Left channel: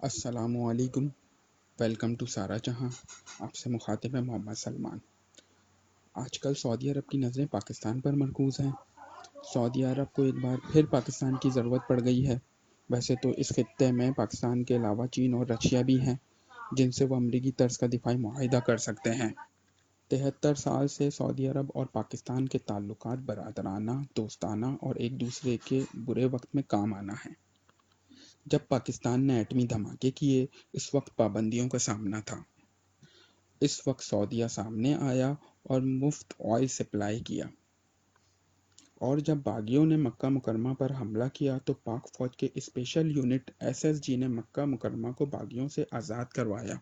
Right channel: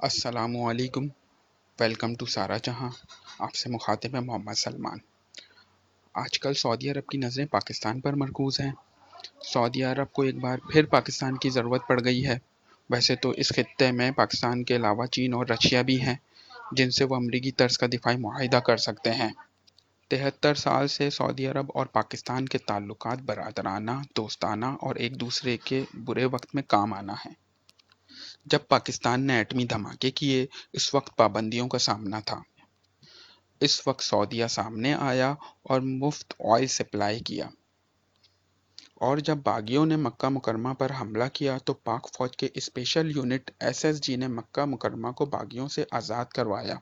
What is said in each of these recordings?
السلام علیکم، welcome to سارا جہاں۔ آپ سے مخاطب ہے محمد سلمان۔ آج کل سعودی عرب کی نظریں پاکستان پر مرکوز ہیں۔ سعودی عرب کو ایک بار پھر پاکستان کی ضرورت پڑ گئی ہے۔ ویسے تو اس خطے میں پاکستان کے علاوہ چین اور رشیا بھی ہیں جن سے وہ امریکی طرز کا دفاعی معاہدہ کر سکتے ہیں۔ 73 سال سے سعودی عرب اور پاکستان کے تعلقات برادرانہ، دوستانہ اور ایک دوسرے کے برے وقت میں کام آنا ہیں۔ جب پاکستان نے ایٹمی دھماکے کیے، اس وقت پابندیوں کا سامنا تھا۔ اس وقت سعودیہ سامنے آیا اور مفت آئل سپلائی کیا، اور جب باغیوں نے مکہ مکرمہ پر حملہ کیا تو پاک فوج کے اسپیشل یونٹ SSG نے مکہ مکرمہ کو باغیوں سے آزاد کروایا۔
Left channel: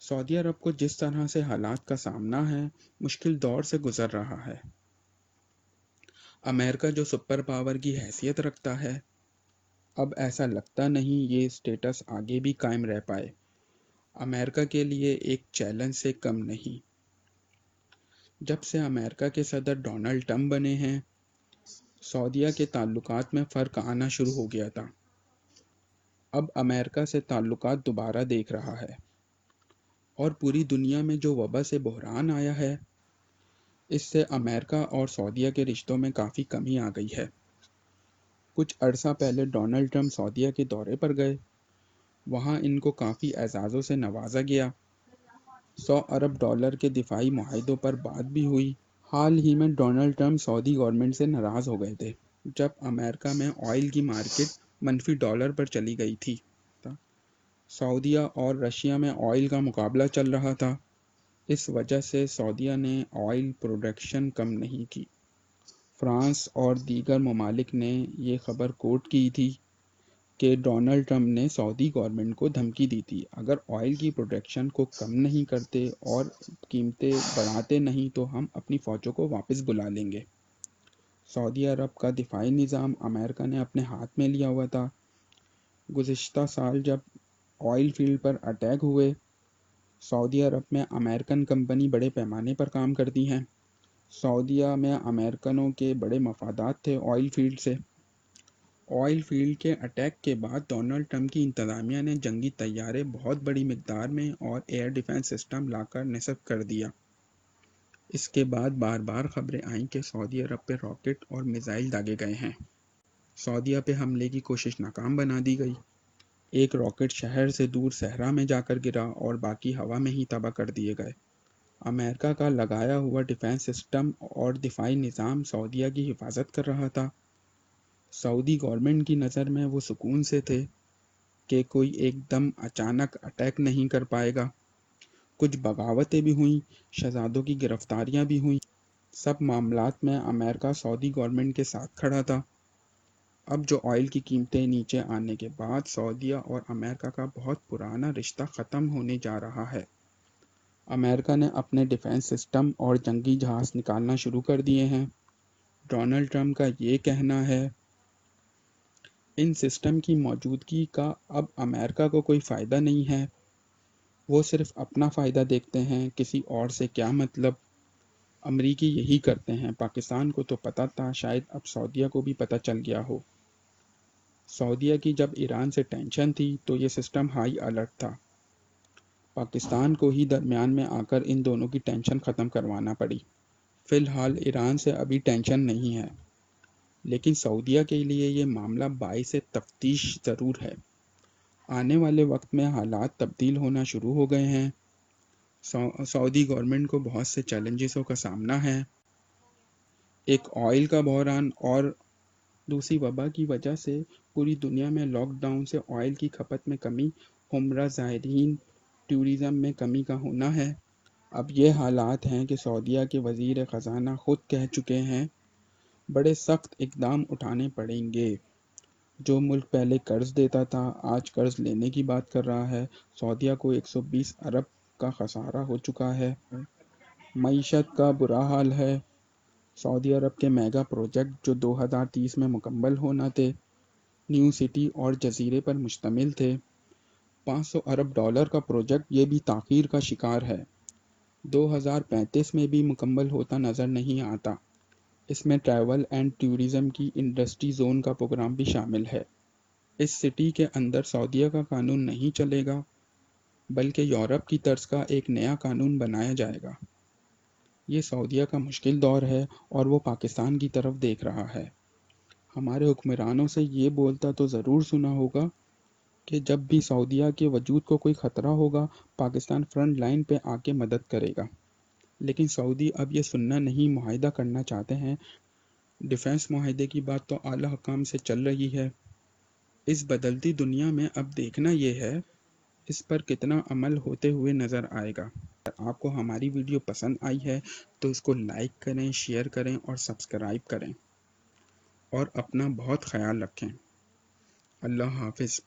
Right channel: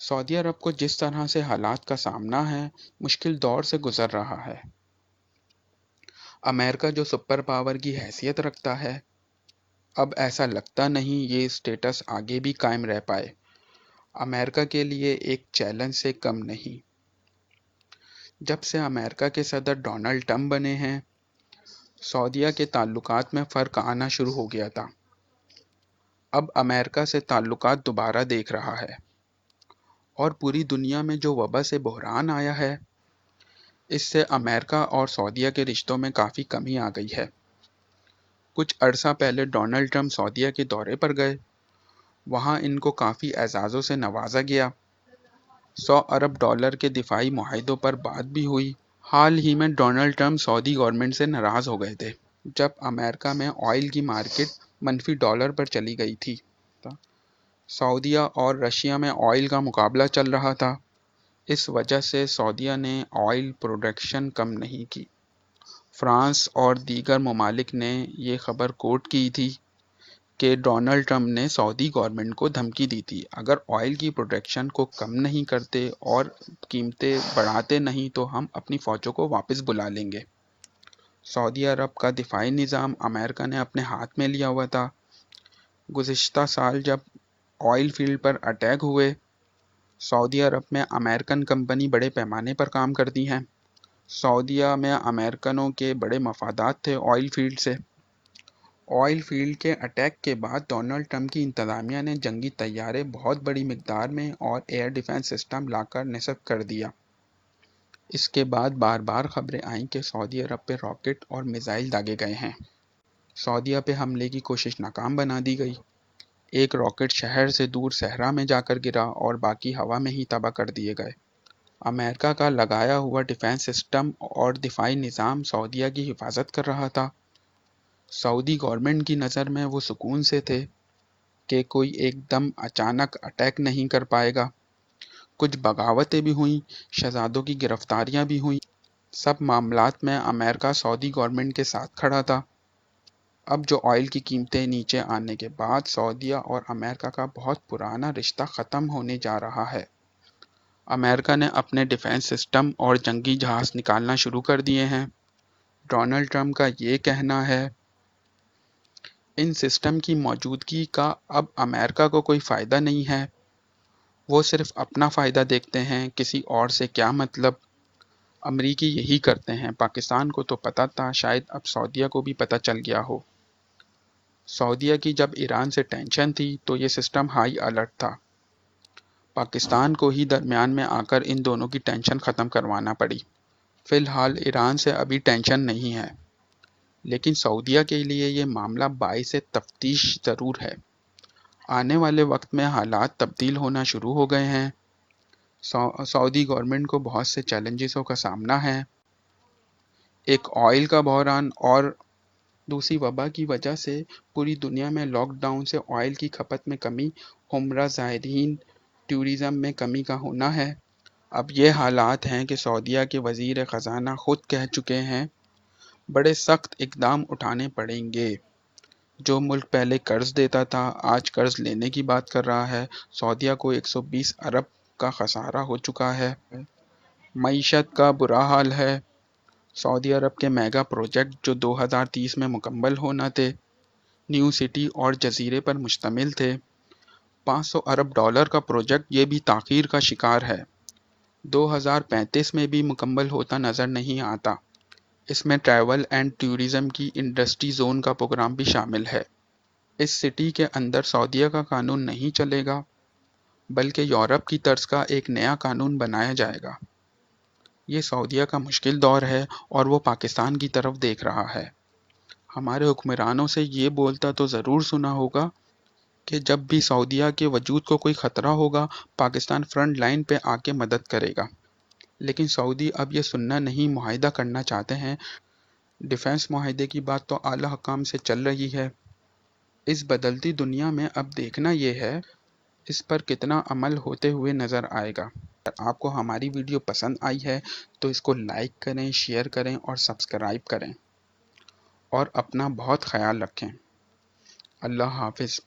سعودی عرب کو جس طرح سے حالات کا سامنا ہے، مشکل دور سے گزر رہا ہے۔ امریکہ جو سپر پاور کی حیثیت رکھتا ہے، اب ایسا لگتا نہیں یہ اسٹیٹس آگے بھی قائم رہ پائے۔ امریکہ کے لیے ایک چیلنج سے کم نہیں۔ جب سے امریکہ کے صدر ڈونلڈ ٹرمپ بنے ہیں، سعودیہ کے تعلقات میں فرق آنا شروع ہو گیا تھا۔ اب امریکہ سے تعلقات دوبارہ دیکھ رہا ہے، اور پوری دنیا میں جو وبا سے بحران آیا ہے، اس سے امریکہ اور سعودیہ کے رشتوں میں کافی کمی آ گئی ہے۔ کچھ عرصہ پہلے ڈونلڈ ٹرمپ سعودیہ کے دورے پر گئے، وہاں ان کو کافی اعزازوں سے نوازا گیا۔ 100 ارب ڈالر کے دفاعی معاہدوں پر بات بھی ہوئی۔ حال ہی میں ڈونلڈ ٹرمپ سعودی گورنمنٹ سے ناراض ہو گئے تھے جب امریکہ میں آئل کی مارکیٹ منفی ڈالر پر چلی گئی تھی۔ سعودیہ اور رشیا میں آئل کا مقابلہ چل رہا تھا، اس وجہ سے سعودیہ نے آئل پروڈکشن کم نہیں کی۔ فرانس اور دیگر ممالک نے یہ خبر کوٹ کی تھی کہ ڈونلڈ ٹرمپ نے سعودی گورنمنٹ کو دھمکی دی تھی، اگر آئل کی پروڈکشن کو کم نہیں کرتے اور قیمتیں بڑھاتے نہیں تو ہم اپنی فوجوں کو واپس بلا لیں گے۔ سعودی عرب کا دفاعی نظام امریکہ نے اپنے ہاتھ میں لیا ہوا تھا۔ گزشتہ سال جب آئل فیلڈ پر اٹیک ہوئے، سعودی عرب میں امریکن کمپنی بڑے پیمانے پر کام کرتی ہیں۔ سعودیہ میں امریکنوں کے بڑے مفادات تھے آئل فیلڈ سے۔ آئل فیلڈ کے اٹیک کے بعد ڈونلڈ ٹرمپ کی انتظامیہ نے جنگی طیارے بہت بڑی مقدار میں اور ایئر ڈیفنس سسٹم لا کر نصب کر دیا۔ اس کے بعد بار بار خبریں آئیں کہ سعودی عرب پہ راکٹ اور میزائل داغے گئے ہیں۔ سعودیہ پہ حملے کی کوشش ناکام بنا دی گئی۔ ایک راکٹ شہر سے دور صحرا میں جا کر گرا اور باقی ہوا میں ہی تباہ کر دیے گئے۔ امریکہ کا لگایا ہوا ڈیفنس سسٹم اور دفاعی نظام سعودیہ کی حفاظت کر رہا تھا۔ سعودی گورنمنٹ کی نظر میں وہ سکون سے تھے کہ کوئی ایک دم اچانک اٹیک نہیں کر پائے گا۔ کچھ بغاوتیں بھی ہوئیں، شہزادوں کی گرفتاریاں بھی ہوئیں۔ سب معاملات میں امریکہ سعودی گورنمنٹ کے ساتھ کھڑا تھا۔ اب جو آئل کی قیمتیں نیچے آنے کے بعد سعودیہ اور امریکہ کا بہت پرانا رشتہ ختم ہونے جا رہا ہے۔ امریکہ نے اپنے ڈیفنس سسٹم اور جنگی جہاز نکالنا شروع کر دیے ہیں۔ ڈونلڈ ٹرمپ کا یہ کہنا ہے، ان سسٹم کی موجودگی کا اب امریکہ کو کوئی فائدہ نہیں ہے، وہ صرف اپنا فائدہ دیکھتے ہیں، کسی اور سے کیا مطلب۔ امریکی یہی کرتے ہیں۔ پاکستان کو تو پتہ تھا، شاید اب سعودیہ کو بھی پتہ چل گیا ہو۔ سعودیہ کی جب ایران سے ٹینشن تھی تو یہ سسٹم ہائی الرٹ تھا۔ پاکستان کو ہی درمیان میں آ کر ان دونوں کی ٹینشن ختم کروانا پڑی۔ فی الحال ایران سے ابھی ٹینشن نہیں ہے، لیکن سعودیہ کے لیے یہ معاملہ باعث تفتیش ضرور ہے۔ آنے والے وقت میں حالات تبدیل ہونا شروع ہو گئے ہیں۔ سعودی گورنمنٹ کو بہت سے چیلنجزوں کا سامنا ہے۔ ایک آئل کا بحران اور دوسری وبا کی وجہ سے پوری دنیا میں لاک ڈاؤن سے آئل کی کھپت میں کمی، عمرہ زائرین، ٹورزم میں کمی کا ہونا ہے۔ اب یہ حالات ہیں کہ سعودیہ کے وزیر خزانہ خود کہہ چکے ہیں، بڑے سخت اقدام اٹھانے پڑیں گے۔ جو ملک پہلے قرض دیتا تھا آج قرض لینے کی بات کر رہا ہے۔ سعودیہ کو 120 ارب کا خسارہ ہو چکا ہے۔ معیشت کا برا حال ہے۔ سعودی عرب کے میگا پروجیکٹ جو 2030 میں مکمل ہونا تھے، نیو سٹی اور جزیرے پر مشتمل تھے، 500 ارب ڈالر کا پروجیکٹ یہ بھی تاخیر کا شکار ہے۔ 2035 میں بھی مکمل ہوتا نظر نہیں آتا۔ اس میں ٹریول اینڈ ٹورزم کی انڈسٹری زون کا پروگرام بھی شامل ہے۔ اس سٹی کے اندر سعودیہ کا قانون نہیں چلے گا، بلکہ یورپ کی طرز کا ایک نیا قانون بنایا جائے گا۔ یہ سعودیہ کا مشکل دور ہے اور وہ پاکستان کی طرف دیکھ رہا ہے۔ ہمارے حکمرانوں سے یہ بولتا تو ضرور سنا ہوگا کہ جب بھی سعودیہ کے وجود کو کوئی خطرہ ہوگا، پاکستان فرنٹ لائن پہ آ کے مدد کرے گا۔ لیکن سعودی اب یہ سننا نہیں، معاہدہ کرنا چاہتے ہیں۔ ڈیفنس معاہدے کی بات تو اعلیٰ حکام سے چل رہی ہے۔ اس بدلتی دنیا میں اب دیکھنا یہ ہے اس پر کتنا عمل ہوتے ہوئے نظر آئے گا۔ اگر آپ کو ہماری ویڈیو پسند آئی ہے تو اس کو لائک کریں، شیئر کریں اور سبسکرائب کریں، اور اپنا بہت خیال رکھیں۔ اللہ حافظ۔